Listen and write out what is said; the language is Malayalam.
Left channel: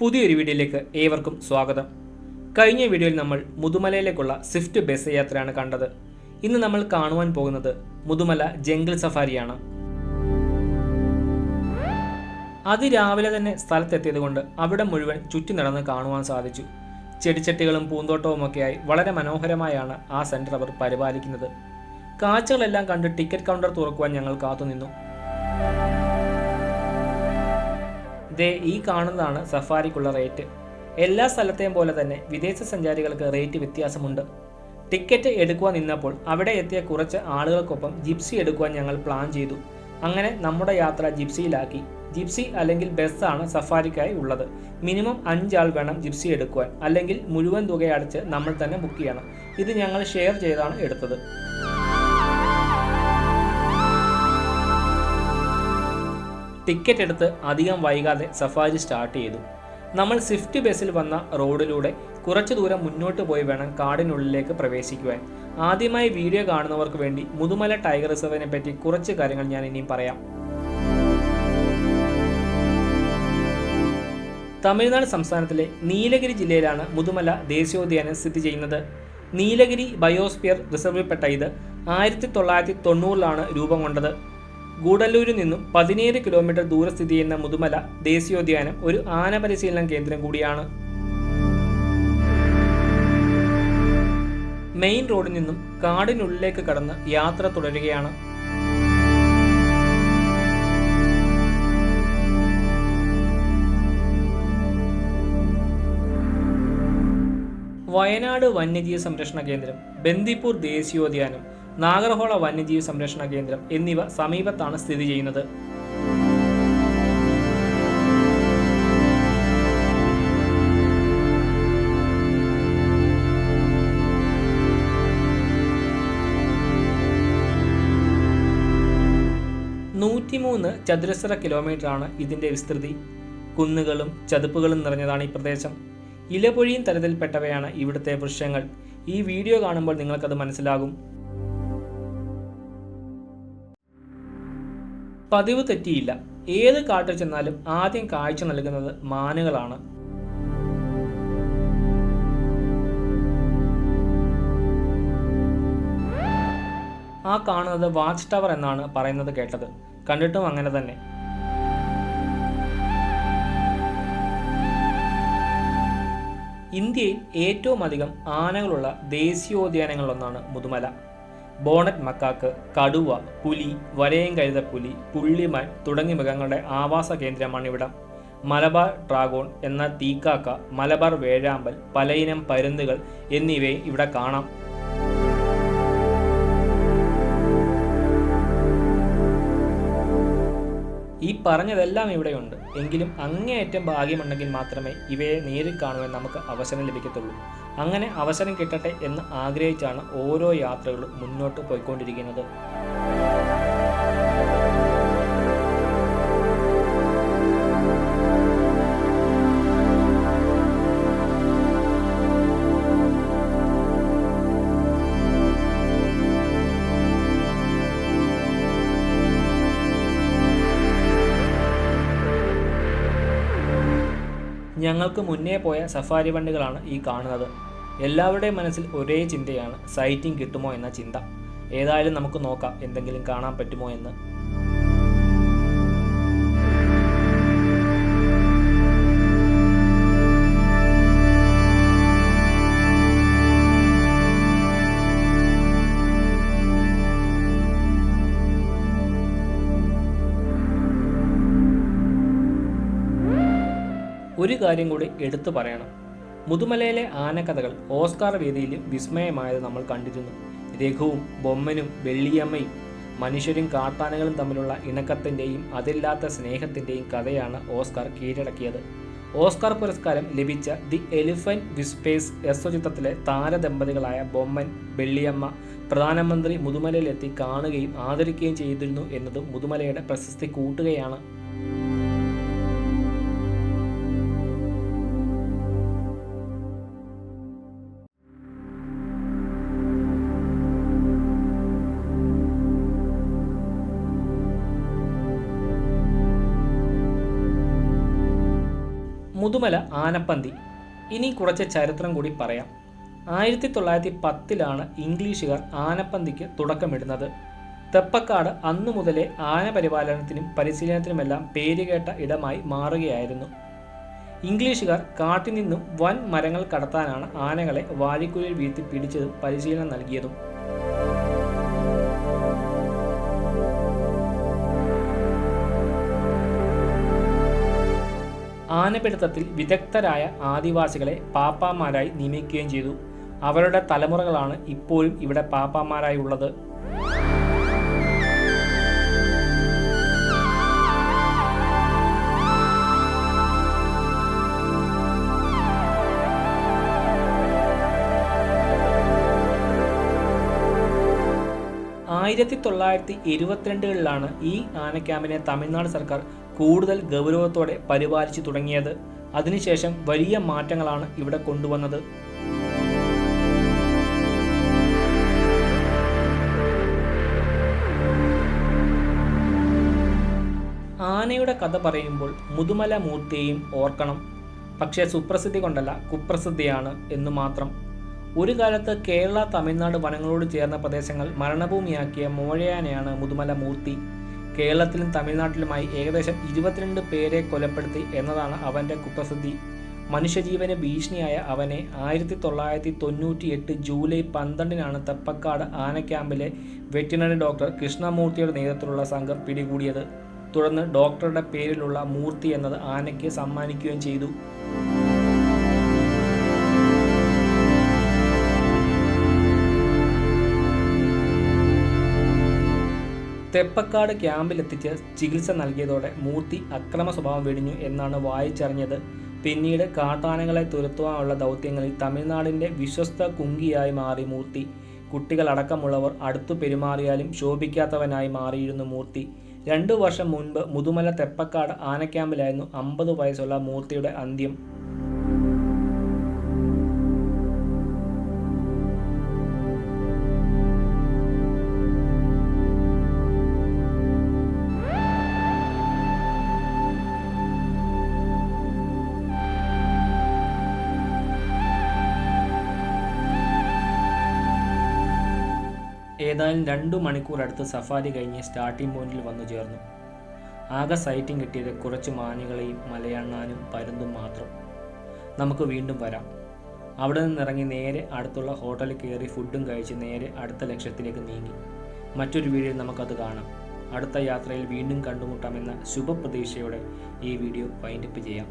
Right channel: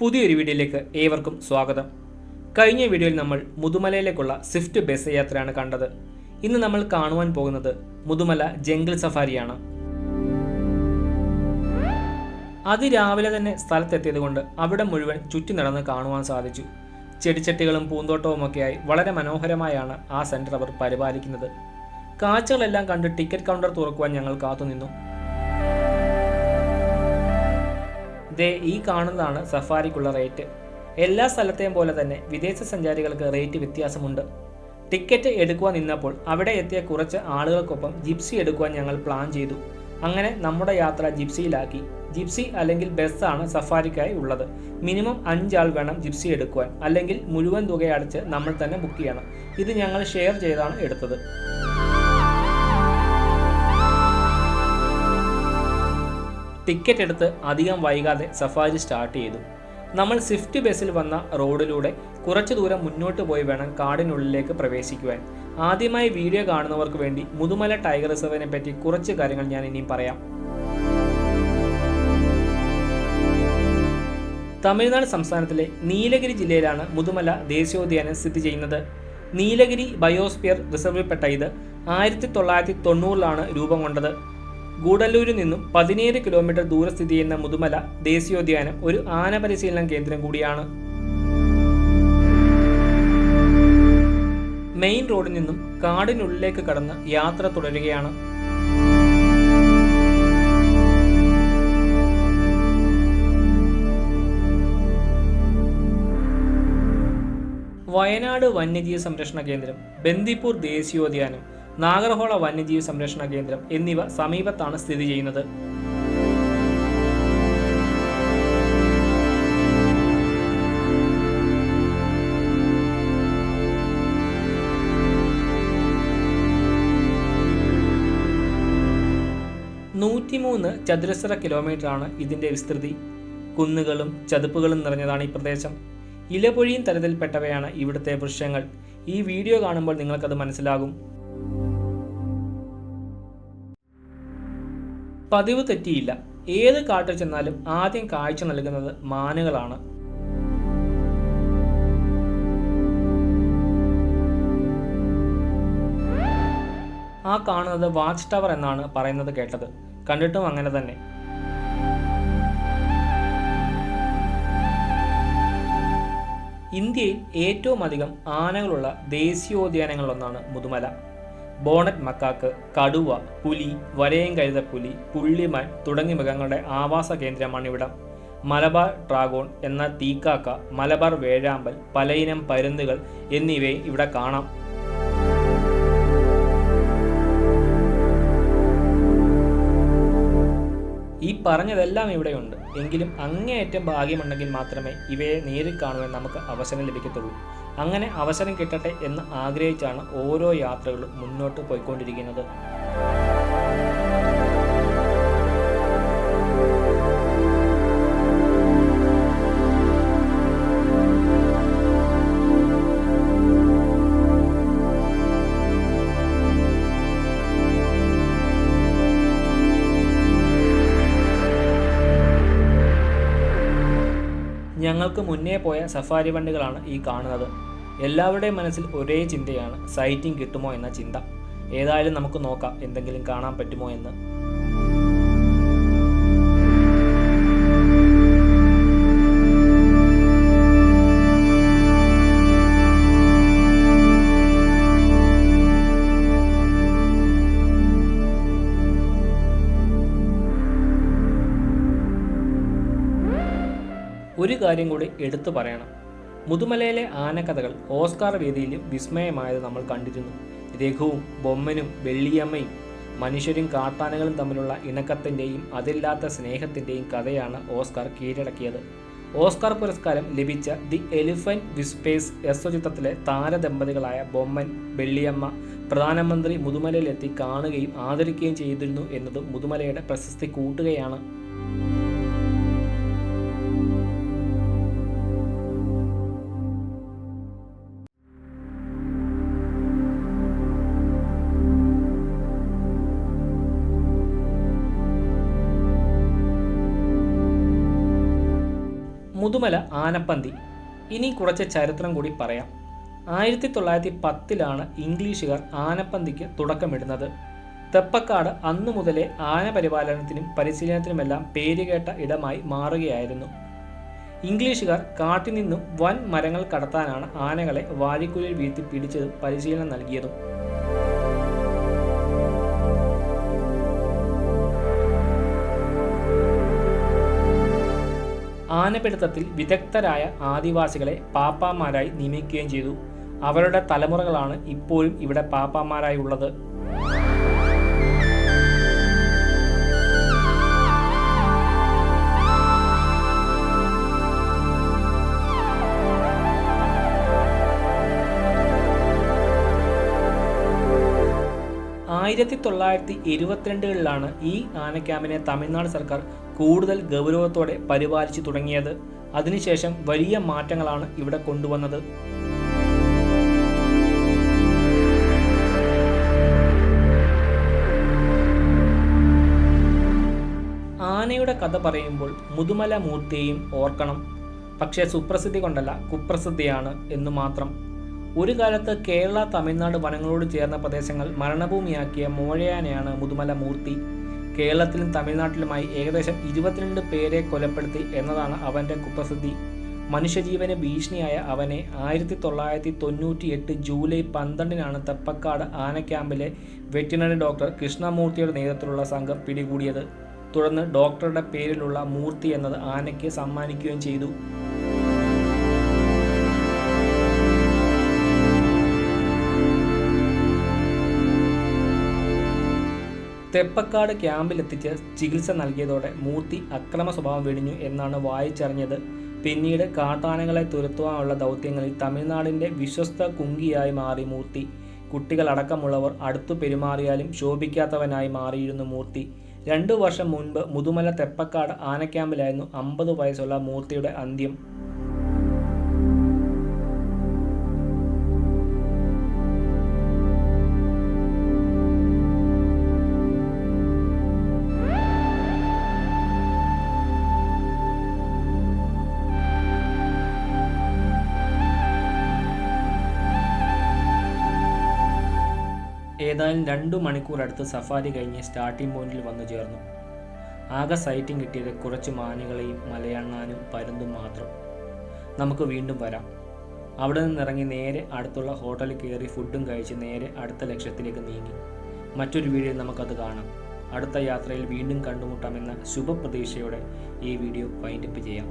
പുതിയൊരു വീഡിയോയിലേക്ക് ഏവർക്കും സ്വാഗതം. കഴിഞ്ഞ വീഡിയോയിൽ നമ്മൾ മുതുമലയിലേക്കുള്ള സ്വിഫ്റ്റ് ബസ് യാത്രയാണ് കണ്ടത്. ഇന്ന് നമ്മൾ കാണുവാൻ പോകുന്നത് മുതുമല ജംഗിൾ സഫാരിയാണ് അതിരാവിലെ തന്നെ സ്ഥലത്തെത്തിയത് കൊണ്ട് അവിടെ മുഴുവൻ ചുറ്റി നടന്ന് കാണുവാൻ സാധിച്ചു. ചെടിച്ചട്ടികളും പൂന്തോട്ടവുമൊക്കെയായി വളരെ മനോഹരമായാണ് ആ സെന്റർ അവർ പരിപാലിക്കുന്നത്. കാഴ്ചകളെല്ലാം കണ്ട് ടിക്കറ്റ് കൗണ്ടർ തുറക്കുവാൻ ഞങ്ങൾ കാത്തുനിന്നു. ദേ ഈ കാണുന്നതാണ് സഫാരിക്കുള്ള റേറ്റ്. എല്ലാ സ്ഥലത്തെയും പോലെ തന്നെ വിദേശ സഞ്ചാരികൾക്ക് റേറ്റ് വ്യത്യാസമുണ്ട്. ടിക്കറ്റ് എടുക്കുവാൻ നിന്നപ്പോൾ അവിടെ എത്തിയ കുറച്ച് ആളുകൾക്കൊപ്പം ജിപ്സി എടുക്കുവാൻ ഞങ്ങൾ പ്ലാൻ ചെയ്തു. അങ്ങനെ നമ്മുടെ യാത്ര ജിപ്സിയിലാക്കി. ജിപ്സി അല്ലെങ്കിൽ ബസ്സാണ് സഫാരിക്കായി ഉള്ളത്. മിനിമം അഞ്ചാൾ വേണം ജിപ്സി എടുക്കുവാൻ. അല്ലെങ്കിൽ മുഴുവൻ തുക അടച്ച് നമ്മൾ തന്നെ ബുക്ക് ചെയ്യണം. ഇത് ഞങ്ങൾ ഷെയർ ചെയ്താണ് എടുത്തത്. ടിക്കറ്റ് എടുത്ത് അധികം വൈകാതെ സഫാരി സ്റ്റാർട്ട് ചെയ്തു. നമ്മൾ സ്വിഫ്റ്റ് ബസ്സിൽ വന്ന റോഡിലൂടെ കുറച്ചു ദൂരം മുന്നോട്ട് പോയി വേണം കാടിനുള്ളിലേക്ക് പ്രവേശിക്കുവാൻ. ആദ്യമായി വീഡിയോ കാണുന്നവർക്ക് വേണ്ടി മുതുമല ടൈഗർ റിസർവിനെ പറ്റി കുറച്ച് കാര്യങ്ങൾ ഞാൻ ഇനിയും പറയാം. തമിഴ്നാട് സംസ്ഥാനത്തിലെ നീലഗിരി ജില്ലയിലാണ് മുതുമല ദേശീയോദ്യാനം സ്ഥിതി ചെയ്യുന്നത്. നീലഗിരി ബയോസ്ഫിയർ റിസർവിൽപ്പെട്ട ഇത് ആയിരത്തി തൊള്ളായിരത്തി തൊണ്ണൂറിലാണ് രൂപം കൊണ്ടത്. ഗൂഡല്ലൂരിൽ നിന്നും പതിനേഴ് കിലോമീറ്റർ ദൂരെ സ്ഥിതി ചെയ്യുന്ന മുതുമല ദേശീയോദ്യാനം ഒരു ആന പരിശീലന കേന്ദ്രം കൂടിയാണ്. മെയിൻ റോഡിൽ നിന്നും കാടിനുള്ളിലേക്ക് കടന്ന് യാത്ര തുടരുകയാണ്. വയനാട് വന്യജീവി സംരക്ഷണ കേന്ദ്രം ബന്ദിപ്പൂർ ദേശീയോദ്യാനം നാഗർഹോള വന്യജീവി സംരക്ഷണ കേന്ദ്രം എന്നിവ സമീപത്താണ് സ്ഥിതി ചെയ്യുന്നത്. നൂറ്റിമൂന്ന് ചതുരശ്ര കിലോമീറ്ററാണ് ഇതിന്റെ വിസ്തൃതി. കുന്നുകളും ചതുപ്പുകളും നിറഞ്ഞതാണ് ഈ പ്രദേശം. ഇലപൊഴിയും തരത്തിൽപ്പെട്ടവയാണ് ഇവിടുത്തെ വൃക്ഷങ്ങൾ. ഈ വീഡിയോ കാണുമ്പോൾ നിങ്ങൾക്കത് മനസ്സിലാകും. പതിവ് തെറ്റിയില്ല. ഏത് കാട്ടിൽ ചെന്നാലും ആദ്യം കാഴ്ച നൽകുന്നത് മാനുകളാണ്. ആ കാണുന്നത് വാച്ച് ടവർ എന്നാണ് പറയുന്നത് കേട്ടത്. കണ്ടിട്ടും അങ്ങനെ തന്നെ. ഇന്ത്യയിൽ ഏറ്റവും അധികം ആനകളുള്ള ദേശീയോദ്യാനങ്ങളിലൊന്നാണ് മുതുമല. ബോണറ്റ് മക്കാക്ക് കടുവ പുലി വരയം കഴുതപ്പുലി പുള്ളിമാൻ തുടങ്ങിയ മൃഗങ്ങളുടെ ആവാസ കേന്ദ്രമാണ് ഇവിടം. മലബാർ ഡ്രാഗോൺ എന്ന തീക്കാക്ക മലബാർ വേഴാമ്പൽ പലയിനം പരുന്തുകൾ എന്നിവയെ ഇവിടെ കാണാം. ഈ പറഞ്ഞതെല്ലാം ഇവിടെയുണ്ട്. എങ്കിലും അങ്ങേയറ്റം ഭാഗ്യമുണ്ടെങ്കിൽ മാത്രമേ ഇവയെ നേരിൽ കാണുവാൻ നമുക്ക് അവസരം ലഭിക്കത്തുള്ളൂ. അങ്ങനെ അവസരം കിട്ടട്ടെ എന്ന് ആഗ്രഹിച്ചാണ് ഓരോ യാത്രകളും മുന്നോട്ട് പോയിക്കൊണ്ടിരിക്കുന്നത്. ഞങ്ങൾക്ക് മുന്നേ പോയ സഫാരി വണ്ടികളാണ് ഈ കാണുന്നത്. എല്ലാവരുടെയും മനസ്സിൽ ഒരേ ചിന്തയാണ് സൈറ്റിംഗ് കിട്ടുമോ എന്ന ചിന്ത. ഏതായാലും നമുക്ക് നോക്കാം എന്തെങ്കിലും കാണാൻ പറ്റുമോ എന്ന്. ഒരു കാര്യം കൂടി എടുത്തു പറയണം. മുതുമലയിലെ ആനക്കഥകൾ ഓസ്കാർ വേദിയിലും വിസ്മയമായത് നമ്മൾ കണ്ടിരുന്നു. രഘുവും ബൊമ്മനും വെള്ളിയമ്മയും മനുഷ്യരും കാട്ടാനകളും തമ്മിലുള്ള ഇണക്കത്തിന്റെയും അതില്ലാത്ത സ്നേഹത്തിന്റെയും കഥയാണ് ഓസ്കാർ കീഴടക്കിയത്. ഓസ്കാർ പുരസ്കാരം ലഭിച്ച ദി എലിഫന്റ് വിസ്പേസ് എസ്വചിത്രത്തിലെ താരദമ്പതികളായ ബൊമ്മൻ വെള്ളിയമ്മ പ്രധാനമന്ത്രി മുതുമലയിലെത്തി കാണുകയും ആദരിക്കുകയും ചെയ്തിരുന്നു എന്നതും മുതുമലയുടെ പ്രശസ്തി കൂട്ടുകയാണ്. മുതുമല ആനപ്പന്തി. ഇനി കുറച്ച് ചരിത്രം കൂടി പറയാം. ആയിരത്തി തൊള്ളായിരത്തി പത്തിലാണ് ഇംഗ്ലീഷുകാർ ആനപ്പന്തിക്ക് തുടക്കമിടുന്നത്. തെപ്പക്കാട് അന്നു മുതലേ ആന പരിപാലനത്തിനും പരിശീലനത്തിനുമെല്ലാം പേരുകേട്ട ഇടമായി മാറുകയായിരുന്നു. ഇംഗ്ലീഷുകാർ കാട്ടിൽ നിന്നും വൻ മരങ്ങൾ കടത്താനാണ് ആനകളെ വാഴിക്കുലിൽ വീഴ്ത്തി പിടിച്ചതും പരിശീലനം നൽകിയതും. ആനപിടുത്തത്തിൽ വിദഗ്ധരായ ആദിവാസികളെ പാപ്പാമാരായി നിയമിക്കുകയും ചെയ്തു. അവരുടെ തലമുറകളാണ് ഇപ്പോഴും ഇവിടെ പാപ്പാമാരായി ഉള്ളത് ആയിരത്തി തൊള്ളായിരത്തി ഇരുപത്തിരണ്ടുകളിലാണ് ഈ ആനക്യാമ്പിനെ തമിഴ്നാട് സർക്കാർ കൂടുതൽ ഗൗരവത്തോടെ പരിപാലിച്ചു തുടങ്ങിയത്. അതിനുശേഷം വലിയ മാറ്റങ്ങളാണ് ഇവിടെ കൊണ്ടുവന്നത്. ആനയുടെ കഥ പറയുമ്പോൾ മുതുമല മൂർത്തിയെയും ഓർക്കണം. പക്ഷേ സുപ്രസിദ്ധി കൊണ്ടല്ല കുപ്രസിദ്ധിയാണ് എന്ന് മാത്രം. ഒരു കാലത്ത് കേരള തമിഴ്നാട് വനങ്ങളോട് ചേർന്ന പ്രദേശങ്ങൾ മരണഭൂമിയാക്കിയ മോഴയാനയാണ് മുതുമല മൂർത്തി. കേരളത്തിലും തമിഴ്നാട്ടിലുമായി ഏകദേശം ഇരുപത്തിരണ്ട് പേരെ കൊലപ്പെടുത്തി എന്നതാണ് അവന്റെ കുപ്രസിദ്ധി. മനുഷ്യജീവന് ഭീഷണിയായ അവനെ ആയിരത്തി തൊള്ളായിരത്തി തൊണ്ണൂറ്റി എട്ട് ജൂലൈ പന്ത്രണ്ടിനാണ് തെപ്പക്കാട് ആനക്യാമ്പിലെ വെറ്റിനറി ഡോക്ടർ കൃഷ്ണമൂർത്തിയുടെ നേതൃത്വത്തിലുള്ള സംഘം പിടികൂടിയത്. തുടർന്ന് ഡോക്ടറുടെ പേരിലുള്ള മൂർത്തി എന്നത് ആനയ്ക്ക് സമ്മാനിക്കുകയും ചെയ്തു. തെപ്പക്കാട് ക്യാമ്പിലെത്തിച്ച് ചികിത്സ നൽകിയതോടെ മൂർത്തി അക്രമ സ്വഭാവം വെടിഞ്ഞു എന്നാണ് വായിച്ചറിഞ്ഞത്. പിന്നീട് കാട്ടാനകളെ തുരത്തുവാനുള്ള ദൗത്യങ്ങളിൽ തമിഴ്നാടിന്റെ വിശ്വസ്ത കുങ്കിയായി മാറി മൂർത്തി. കുട്ടികളടക്കമുള്ളവർ അടുത്തു പെരുമാറിയാലും ശോഭിക്കാത്തവനായി മാറിയിരുന്നു മൂർത്തി. രണ്ടു വർഷം മുൻപ് മുതുമല തെപ്പക്കാട് ആനക്യാമ്പിലായിരുന്നു അമ്പത് വയസ്സുള്ള മൂർത്തിയുടെ അന്ത്യം. ഏതായാലും രണ്ടു മണിക്കൂർ അടുത്ത് സഫാരി കഴിഞ്ഞ് സ്റ്റാർട്ടിംഗ് പോയിന്റിൽ വന്നു ചേർന്നു. ആകെ സൈറ്റിംഗ് കിട്ടിയത് കുറച്ച് മാനുകളെയും മലയണ്ണാനും പരുന്തും മാത്രം. നമുക്ക് വീണ്ടും വരാം. അവിടെ നിന്നിറങ്ങി നേരെ അടുത്തുള്ള ഹോട്ടലിൽ കയറി ഫുഡും കഴിച്ച് നേരെ അടുത്ത ലക്ഷ്യത്തിലേക്ക് നീങ്ങി. മറ്റൊരു വീഡിയോ നമുക്കത് കാണാം. അടുത്ത യാത്രയിൽ വീണ്ടും കണ്ടുമുട്ടാമെന്ന ശുഭപ്രതീക്ഷയോടെ ഈ വീഡിയോ വൈൻഡപ്പ് ചെയ്യാം.